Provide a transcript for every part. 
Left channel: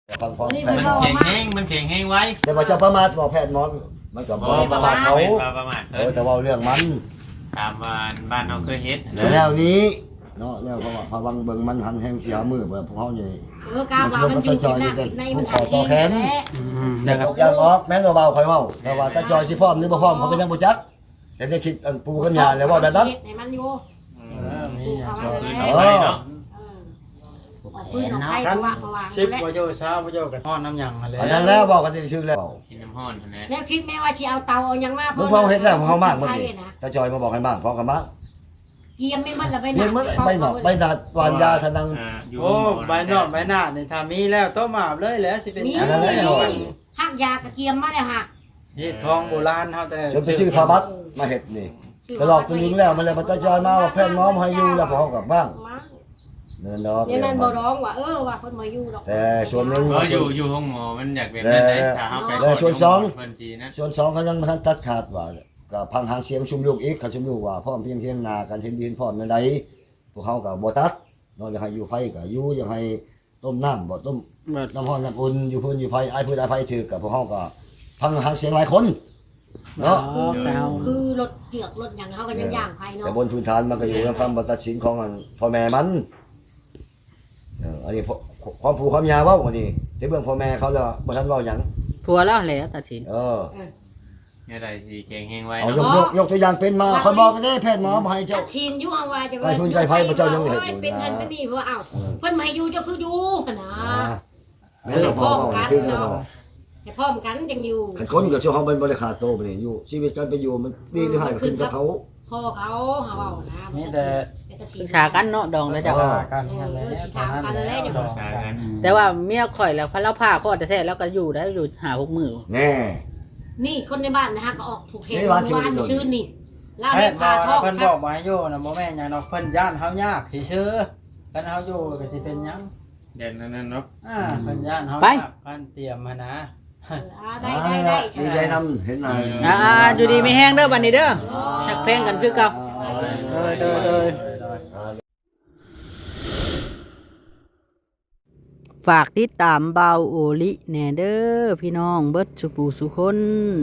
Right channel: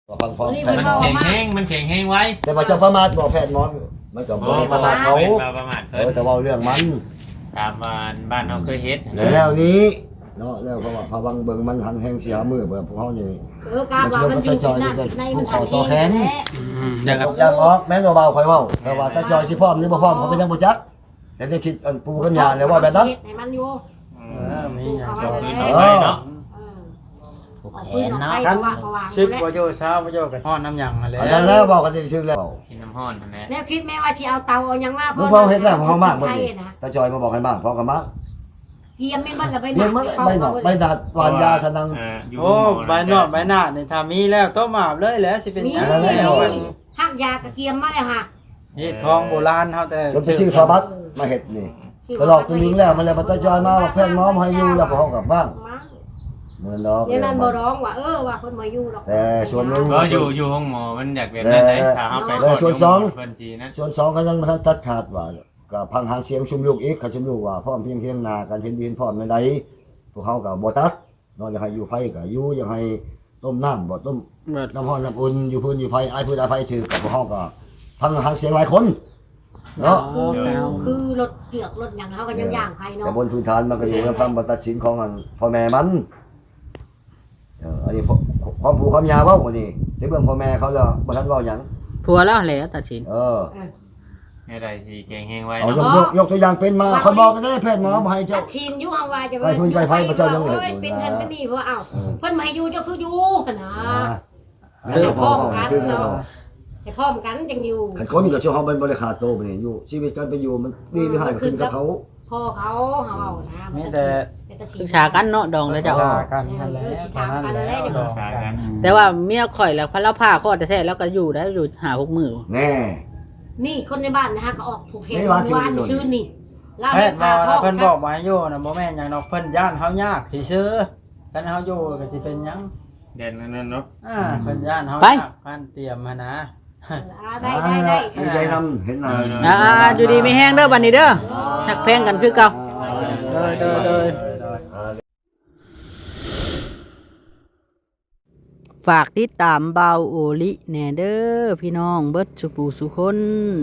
ฟังพร้อมแพทย์มันหมอแข็งแห้งมันแข็งแห้งไว้แต่ว่าเจ้าประมาทบอกแพทย์หมอมันก็บ่ได้ประมาทเขาประมาทแต่ว่าเรื่องมันตามบ้านเราเคยเฮ็ดแล้วนี้เนาะแล้วเพราะว่าพวังเบิ่งมันหันแห่งเสียมือเบิ่พวกเฮานี่กาว่ามันอยู่ที่หน้าในมันทันเองแหละนะครับอย่างออกแม่นเบาๆค่อยเว้าแต่ว่าตาจอยสิพร้อมหรือบ่พร้อมเขาก็ยังบ่จักแต่ได้คิดอันปูกันยาแล้วว่าแบบนั้นให้มันอยู่มีอย่างเดียวเออเนาะออกปืนออกไฟเพราะว่าสิบแล้วประโยชน์ช้าประโยชน์กับทอดน้ำยังอะไรอันนั้นแล้วบอกกันชื่อแล้วกินน้ำห้อนนั่นแหละแล้วคิดแม่ว่าสิเอาเตาเอายังมามึงพอเฮ็ดแล้วมึงเฮามากบ่ดิตาจอยมาบอกให้มากพอกันมากเกียมแม่นบ่ละไปเรียนมันใบหนอกใบดาดวานยาทนังอยู่โอ้ใบนอกใบหน้าเนี่ยถ้ามีแล้วต้มหมาบเลยแล้วสิเป็นมีอันนั้นแหละหักยากะเกียมมาแล้วฮะนี่ทองโบราณเขาแต่จนไปซื้อฟ้าบัตรมาเฮ็ดนี่ตลอดตัวยิงแล้วมันเลยตาจอยมาว่าแพทย์หมอมาให้อยู่แล้วพอเฮากลับบ้านเงินดอกเดี๋ยวนั้นบ่ร้องว่าว่าเพิ่นมาอยู่ดอกแต่ส่วนหนึงก็อยู่ห้องหมอมันอยากแบบนั้นได้ถ้าเฮาไปเพิ่นจีนะส่วนสองเขายังบ่ทันตัดขาดว่าก็พังหางเสียงชุมลูกอีกเขาชุมลูกว่าพร้อมเพียงเคียงหน้ากันเห็นดีเห็นพร้อมแม่นใดพวกเขาก็บ่ตัดเนาะอยากให้อยู่ไผก็อยู่อยากให้ต้มน้ำบ่ต้มน้ำร้อนน้ำอุ่นอยู่พื้นอยู่ไผอ้ายพื้นอ้ายไผถือกับพวกเขาก็พังหางเสียงหลายคนเนาะคือรถเกือกรถหยังเฮาก็ยังย่างไผเนาะแต่บนพื้นฐานมันก็อยู่ในคำตัดสินของพ่อแม่มันอันนี้ความผูกความยาวเว้าอันนี้ที่เบิ่งพ่อแม่เขาแล้วบ่ทันเว้าหยังผัวแล้วแหละตัดสินเนี่ยได้สิแข็งแห้งไว้เอาเนาะยกตัวอย่างเป็นมาคนบอกก็ได้แพทย์หมอบ่ให้เจ้าชินอยู่เฮาว่าจะไก่พื้นไก่ไผ่พระเจ้ายังเห็นอยู่นะเป็นเงินเป็นนี่เพราะว่าเอ้าเพิ่นมาให้อยู่เจ้าคืออยู่หั่นนะพ่อบอกชื่อแล้วให้พร้อมกันจังอยู่ขันคนกับช่วงเขาเป็นบริขาดโตไปนี่อยู่ชีวิตการไปอยู่มันดีหรือหายขึ้นกับเขาพ่อเขาเฮาเว้านะมีแต่ศึกษากันเนาะดองแล้วเจ้ากันนั่นแหละสิถามกันแล้วเดี๋ยวใช่กันแต่ว่าเมียข่อยแล้วพระเราผ้าข้อแท้ๆแล้วก็อยู่ได้อยู่หา6มื้อแน่นี่คนในบ้านนะฮะก็ออกผูกแขนเมื่อวานชื่นนี่ลาเฮ็ดพาทอกเพิ่นครับ บอกมาโยนะบ่แม่นหยังดอกเพิ่นย่านเฮายากสิซื้อกันเฮาโยก็สิเป็นหยังเด่นนั่นเนาะเพิ่นย่านเฮาไปพันเตรียมมานะได้ดีใจนำเห็นหน้าอยู่ดีมีแห้งเด้อบัดนี้เด้อหักแพงกันคือเก่าโดยฝากติดตามเบาโอลิแหน่เด้อพี่น้องเบิดสุปูสุคน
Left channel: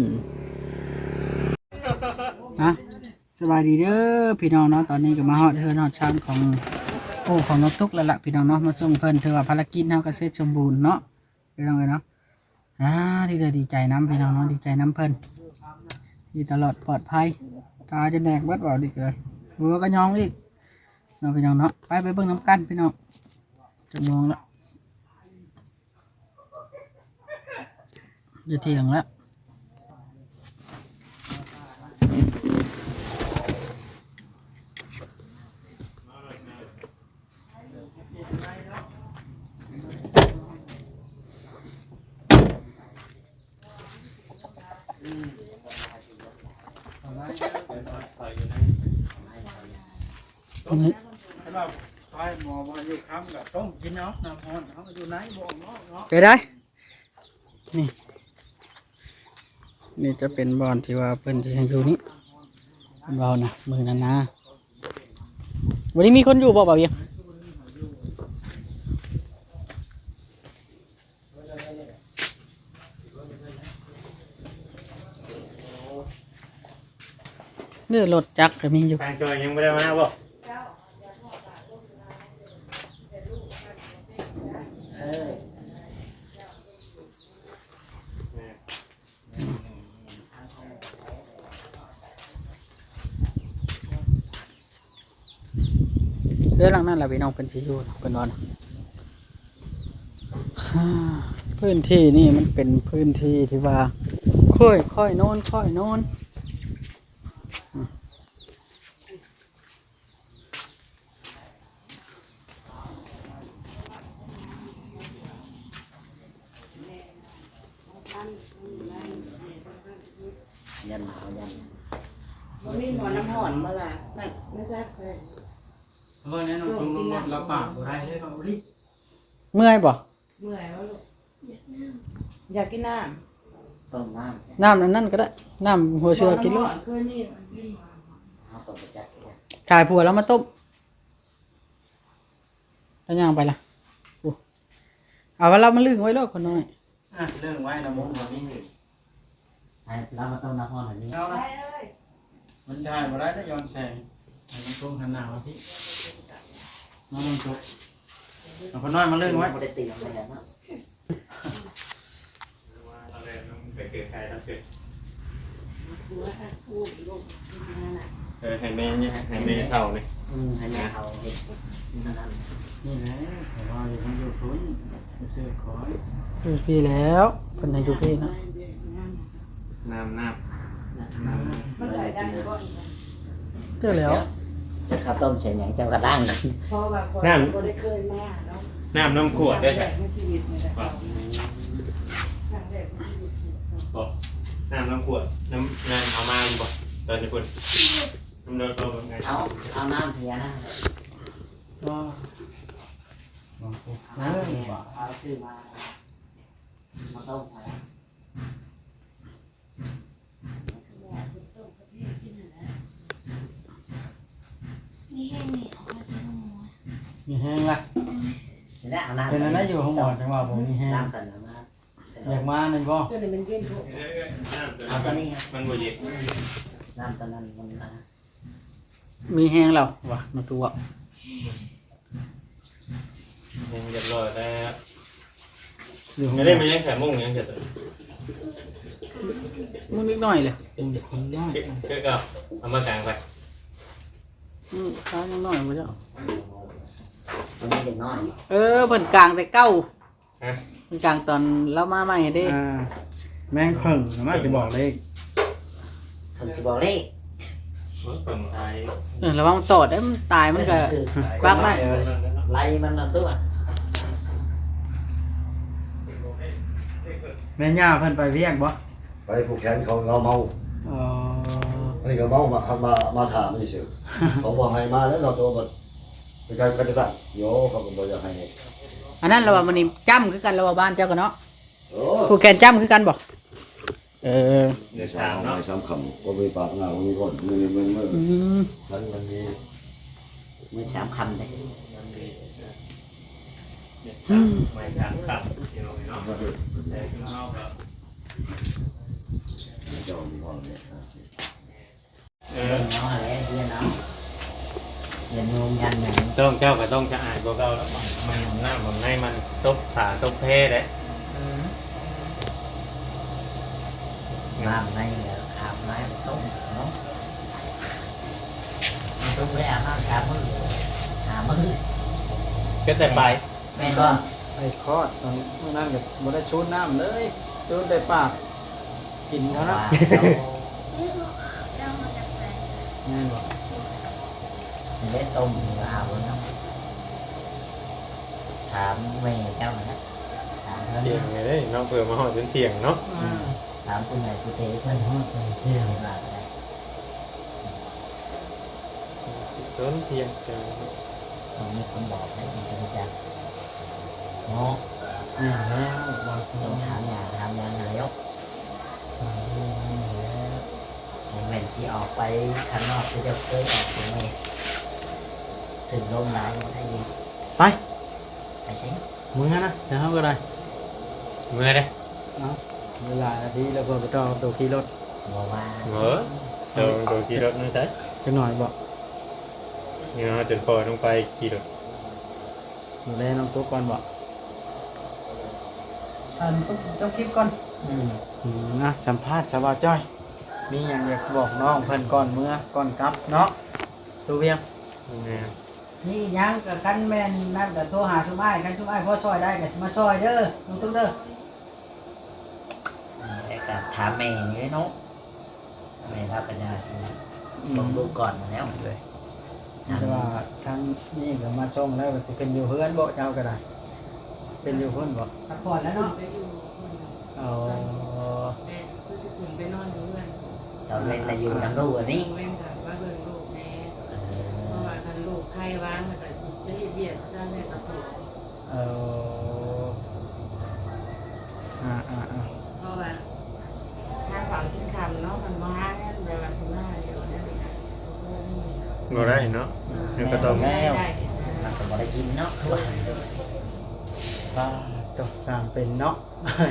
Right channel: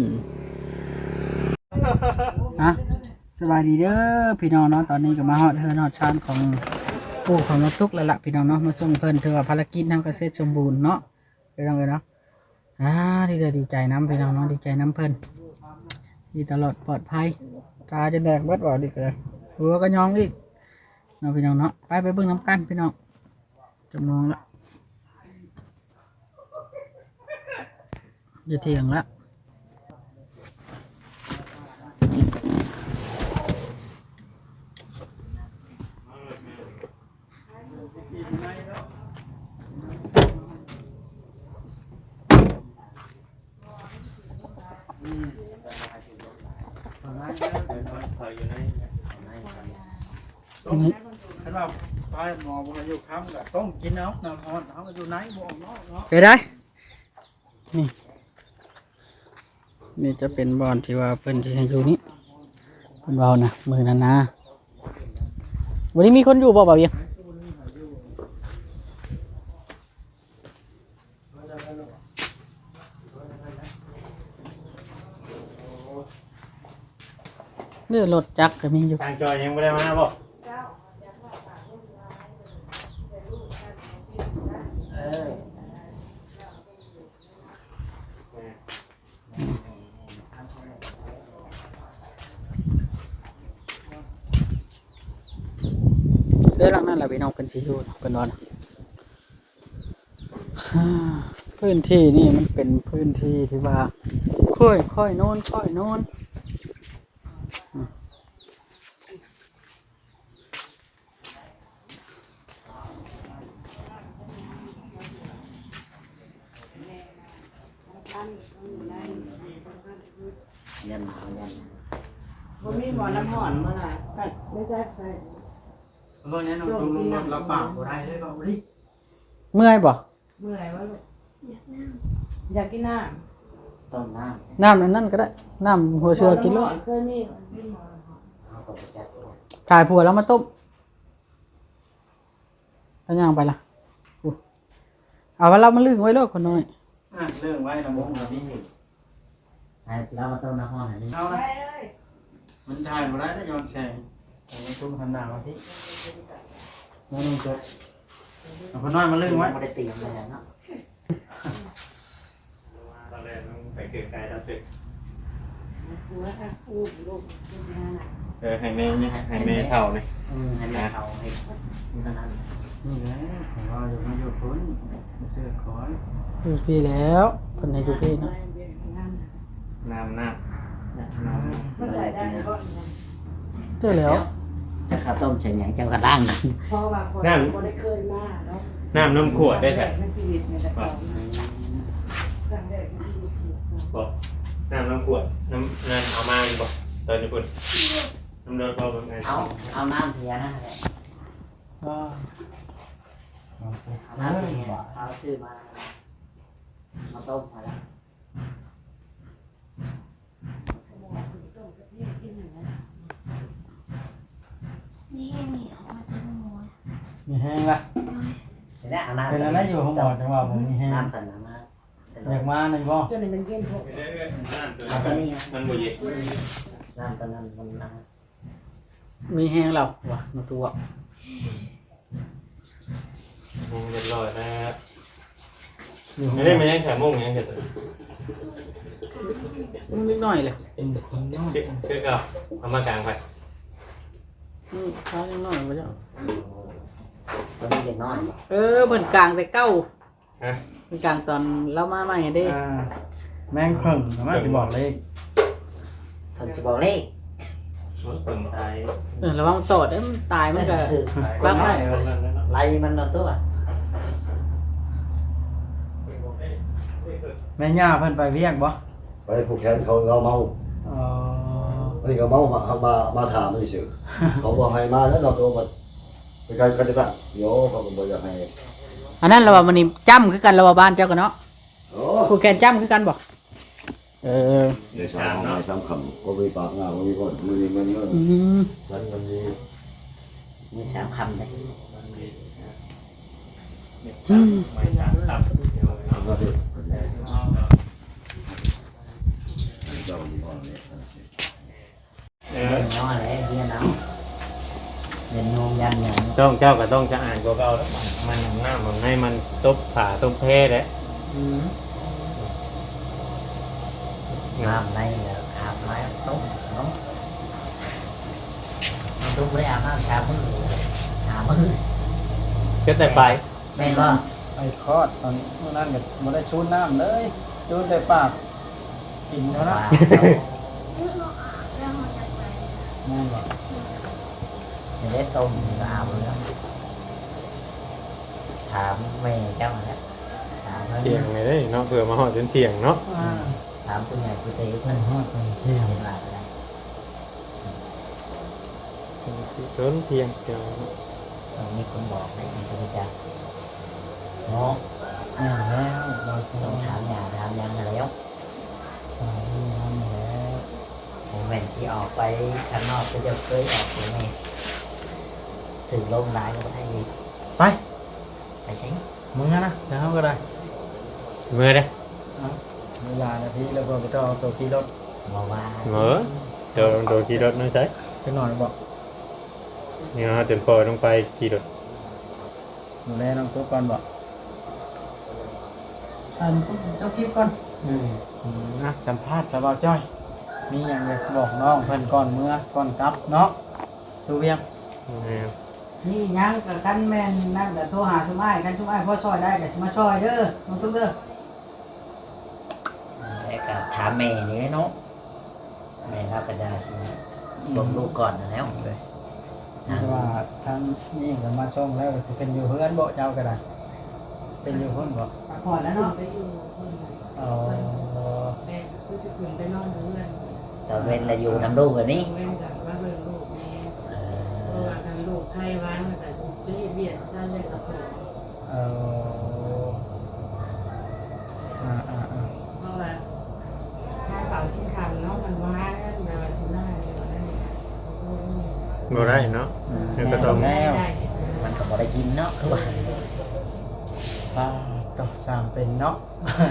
ฮะสบายดีเด้อพี่น้องเนาะตอนนี้ก็มาฮอดเฮือนฮอดชานของปู่ของน้องตุ๊กแล้วล่ะพี่น้องเนาะมาส่งเพิ่นถือว่าภารกิจเฮาก็เสร็จสมบูรณ์เนาะพี่น้องเอ้ยเนาะดีใจน้ำพี่น้องเนาะดีใจน้ำเพิ่นที่ตลอดปลอดภัยตาจะแดกเบิดบ่ดิเลยหัวก็ยองอีกเนาะพี่น้องเนาะไปเบิ่งน้ำกันพี่น้องจะมองละจะเที่ยงแล้วสำหรับไปหมอบ่อยู่ค้ำก็ต้องกินเอาน้ำร้อนเฮาอยู่ไหนบ่ออกนอกเนาะไปได้นี่นี่จะเป็นบอนที่ว่าเพิ่นที่ให้อยู่นี่เป็นเบานะมือนั้นนะวันนี้มีคนอยู่บ่เบาเบียงเรือรถจักรก็มีอยู่ทางเกิดยังไม่ได้มาบ่เรือหลังนั้นแหละพี่น้องเป็นที่อยู่เป็นนอนพื้นที่นี่มันเป็นพื้นที่ที่ว่าค่อยโน่นค่อยโน่นบ่มีหมอน้ำห่อนบ่ล่ะแต่ไม่ใช่ใส่เพราะงั้นน้องจุงลงรถแล้วปากบ่ได้เลยเบาดิเมื่อยบ่เมื่อไหร่วะลูกอยากกินน้ต้มน้น้ำนั้นก็ได้น้ำหัวำเชือกินลูกเคยมีมีหมอถ่ายผัวแล้วมาต้มแล้วย่างไปล่ะเอาว่าเรามาลึงไว้โลดคนน้อยเรื่องไว้นะมุ้งกับพี่ให้เรามาต้มน้ำห้อนอันนี้เอาละมันถ่ายมาได้ถ้าย้อนแสงมันตุ้งหันหน้ามาพี่น้องจบเอาคนน้อยมาเรื่องไว้ไม่ได้ตีมันเลยเนาะเราเลยไปเกี่ยวกายแล้วเสร็จหัวค่ะคู่ลูกเป็นงานอ่ะให้แม่เท่าเลยให้แม่เขาให้นี่นั่นนี่แหละผมว่าอย่างนี้อยู่พ้นมาเสื้อคอยอยู่พี่แล้วเพิ่นให้อยู่พี่เนาะน้ำมันได้ได้ก็เจอแล้วจะข้าวต้มใส่หยังจังกระด้างเพราะว่าคนได้เคยมาเนาะน้ำนมขวดได้ใช่ในชีวิตนี่แหละครั้งแรกในชีวิตบอกน้ำขวดน้ำเอามาอยู่บอกตอนนี้พูดน้ำโดนพอเป็นไงเอาน้ำเทียนะก็น้ำเทียเอาซื้อมาต้มมาแล้วนี่แห้งนี่ออกมาเป็นหัวมีแห้งละเห็นไหมเอาน้ำเป็นอะไรอยู่ห้องหมอจังหวะผมมีแห้งน้ำกันน้ำมาอยากมาหนึ่งก็จนในมันเย็นพวกเอาตัวนี้มันบ่เย็นน้ำตัวนั้นมันนะมีแห้งแล้วว่ะในตัวมุงเรียบร้อยแล้วไม่ได้มายังแขมุงยังเสร็จนิดหน่อยเลยเก็ก็เอามากลางไปท้ายนิดหน่อยบ่เจ้าตัวนี้เด็กน้อยเพิ่นกลางแต่เก้าฮะเพิ่นกลางตอนเรามาใหม่เด้แมงเพิ่งสามารถจะบอกเลขผมจะบอกเลขคนไทยระวังตอดเด้อมันตายมันก็ ฟังไหมไล่มันนอนตัวแม่ย่าเพิ่นไปเวียกบ่ไปผูกแขนเขาเราเมาอ๋ออันนี้ก็เมามาถามมันเฉยเขาบอกให้มาแล้วเราตัวมันเป็นใครเขาจะตั้งโยเขาก็บอกอยากให้อันนั้นเราว่ามันนี่จ้ำคือกันเราว่าบ้านเจ้ากันเนาะโอ้ผู้แกนจ้ำคือกันบ่ในสามของในสามคำก็มีปากงาก็มีก้นมือนี่มันฉันมันมีมีสามคำเลยไม่ถามครับเดี๋ยวเนาะก็คือเจ้ามีความเนี่ยเอเล่อนน้อยเลยเรียนเอาเรียนงงยันเหมือนต้องเจ้าก็ต้องจะอ่านก็เก่าแล้วมันของหน้าของให้มันตบผ่าตบเพเลยน้ำในอาบน้ำต้มเนาะต้มเลยอาบน้ำชามืออาบมือก็แต่ไปแม่ก็ไอ้คอดตอนนั้นก็บ่ได้ชูน้ำเลยชูแต่ปากกินเท่านั้นนั่นแหละไม่ได้ต้มอาบเลยถามแม่เจ้านะถามเที่ยงไงได้เนาะเผื่อมาหอดเป็นเที่ยงเนาะถามคุณยายคุณเต๋อเพื่อนห้องเพื่อนหลานเพิ่นเที่ยงเที่ยงตรงนี้ผมบอกได้ยินคุณจักเนาะแล้วเราต้องถามอย่างถามยังแล้วผมแม่นสิออกไปข้างนอกก็จะเคยออกถึงนี่ถึงลมร้ายก็ได้ยินไปไปใช่มึงนะเดี๋ยวเขาก็ได้เมื่อเด้เวลานาทีแล้วก็ต้องเอาตัวขี่รถบอกว่าเหงอโดนขี่รถน้องใช้จังหน่อยบอกเนี่ยเต็มปอต้องไปขี่รถดูแลน้องตุ๊กก่อนบอกเจ้าคลิปก่อนนะสัมภาษณ์สาวจ้อย มีอย่างอยากบอกน้องเพิ่นก่อนเมื่อก่อนกลับเนาะตัวเวียงเนี่ยนี่ยังกับกันแม่นนั่นก็โทรหาชุมอ้ายกันชุมอ้ายพอซอยได้ก็มาซอยเด้อน้องตุ๊กเด้อแล้วก็ถามแม่นี่เนาะแม่เราก็จะสิลงลูกก่อนแล้วเลยแต่ว่าทางนี้ก็มาส่งแล้วก็สิเป็นอยู่เฮือนบ่เจ้าก็ได้ เป็นอยู่พุ่นบ่พักผ่อนแล้วเนาะไปอยู่คนอ๋อแต่คือจะขึ้นไปนอนอยู่เพื่อนตอนเว้นเราอยู่น้ำลูกแบบนี้เว้นกับว่าเบิ่งลูกแม่เพราะว่ากันลูกไข้วางแล้วก็จิบเบียดด้านแรกกับตัวเออเพราะว่าถ้าสอนกินคำเนาะมันมาในวันสิบห้าเดียวนั่นเองค่ะบ่ได้เนาะก็ต้องได้มันก็บ่ได้กินเนาะคือว่าป้าก็สร้างเป็นเนาะ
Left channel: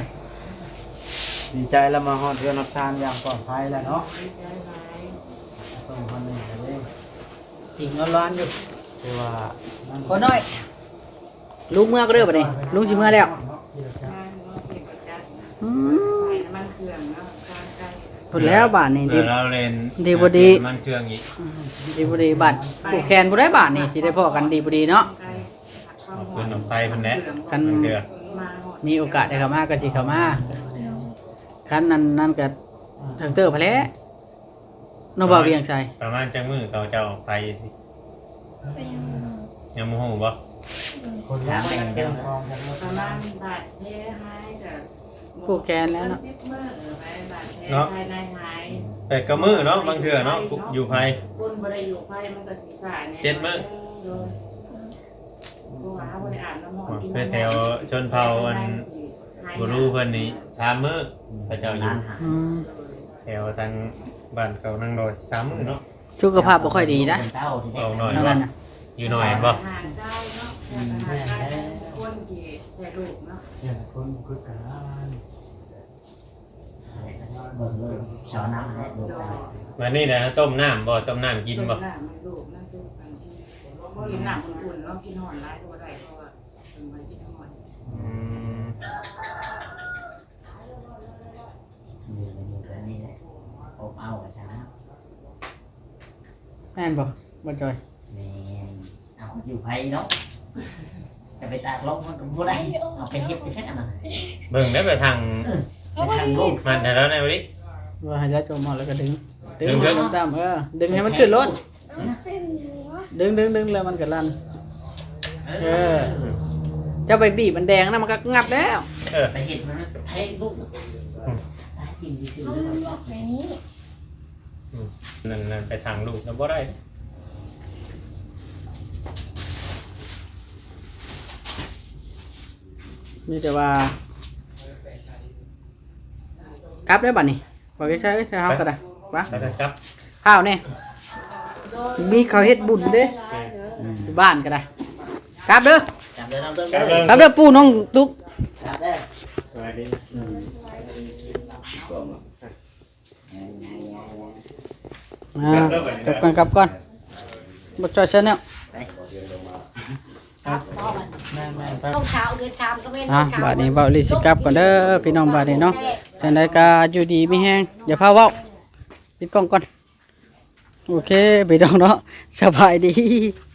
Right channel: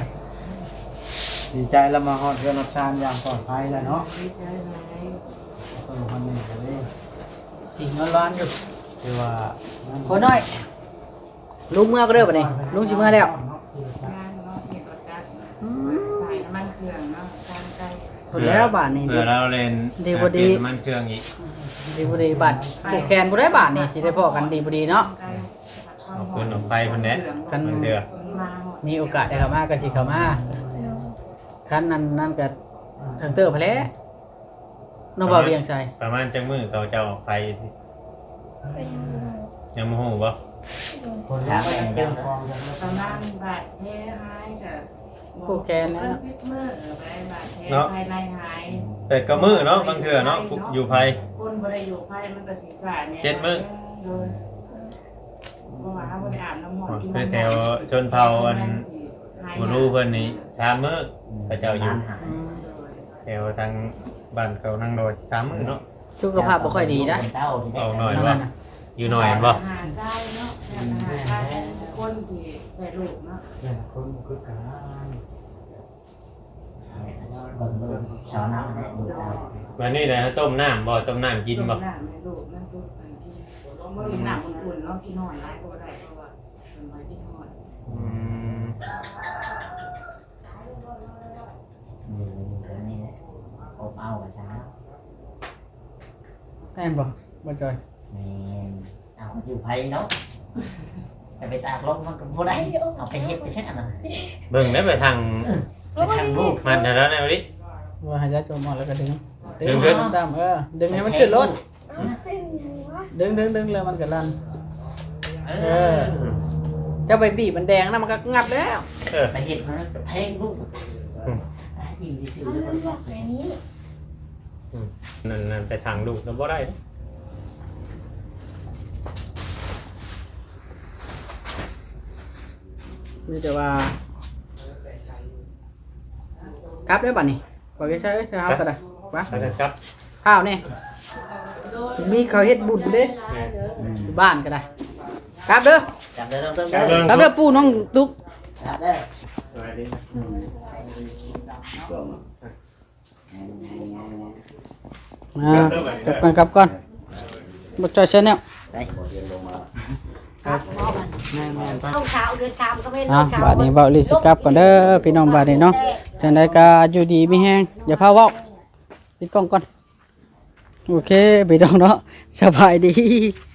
ดีใจแล้วมาฮอดเรือนนักชานอย่างปลอดภัยแล้วเนาะดีใจหลายต้องทำให้กันเลยติ่งร้อนๆอยู่คือว่ามันพอน้อยลุงเมื่อก็เด้อบัดนี้ลุงสิเมื่อแล้วงานเนาะเพียงประจัดอืมขายน้ำมันเครื่องเนาะจานไก่พูดแล้วบาทนี่เดี๋ยวเราเล่นดีบ่ดีมันเครื่องอีกดีบ่ดีบาทผูกแขนบ่ได้บาทนี่สิได้พอกันดีบ่ดีเนาะไก่ผัดความออกหเพิ่อนออกไปเพิ่นแหละคันมันเดือมาหอดมีโอกาสได้เข้ามาก็สิเข้ามาคันนั้นก็ทางเตอร์พะแล้น้องบ่าวเวียงชัยประมาณจังมื้อเขาจะออกไปยังบ่ฮู้บ่คนละแบ่งเดียวประมาณบาทเพหายกับผูกแขนแล้วเพิ่นเนาะ 10 มื้อไปบาทเพภายในหายแต่ก็มื้อเนาะบางเทื่อเนาะอยู่ไผคนบ่ได้อยู่ไผมันก็สิสาเนี่ย 7 มื้อโดยเพราะว่าบ่ได้อาบน้ำมนต์กินไปน้ำมนต์แถวชนเผ่าอันบ่รู้เพิ่นนี่3มื้อพระเจ้าอยู่อืมแถวทางบ้านเขานั่งโดย3มื้อเนาะสุขภาพบ่ค่อยดีนะเต้าที่ได้เอาหน่อยเท่าบ่นั้นน่ะอยู่หน่อยบ่อาหารได้เนาะอาหารได้คนที่ได้ลูกเนาะคนคือกันสอนน้ำให้ดูโดยวันนี้นะต้มน้ำบ่ต้มน้ำกินบ่ต้มน้ำให้ลูกนั่นตู้กันกินน้ำอุ่นๆเนาะกินหอนร้ายก็ได้เพราะว่าเป็นไว้กินหอนอืมอยู่นี่แหละอบเอาเช้าแม่นบ่บ่จอยนี่เอาอยู่ไผเนาะจะไปตากลมมันก็บ่ได้เอาไปเฮ็ดไปเช็ดอันนั้นเบิ่งได้ไปทางไปทางลูกมันแต่แล้วนะวันนี้ว่าให้ยาจมหอดแล้วก็ดึงดึงขึ้นตามดึงให้มันขึ้นรถดึงแล้วมันก็ลั่นเจ้าไปบีบมันแดงนะมันก็งับแล้วไปเฮ็ดมันแทงลูกตายจริงซื่อๆแล้วก็หนึ่งไปทางลูกแล้วบ่ได้นี่จะว่ากลับได้บัดนี้ขอใช้ใช้เฮาก็ได้วะใช่ครับข้าวเนี่ยมีเขาวเฮ็ดบุญเด้อยู่บ้านก็ได้กลับเด้อจับเด้อเด้อครับเด้อกลับเด้อปู่น้องตุ๊กจับเด้อสวัสดีกลับก่อนบ่จอยเสียแนวครับพ่อบัดแม่ๆเข้าเช้าเดือนชามก็ไม่อ่ะเช้าบาดนี้เว้าลิสิกลับก่อนเด้อพี่น้องบาดนี้เนาะจังไดก็อยู่ดีมีแฮงอย่าพาเว้าปิดกล้องก่อนโอเคพี่น้องเนาะสบายดี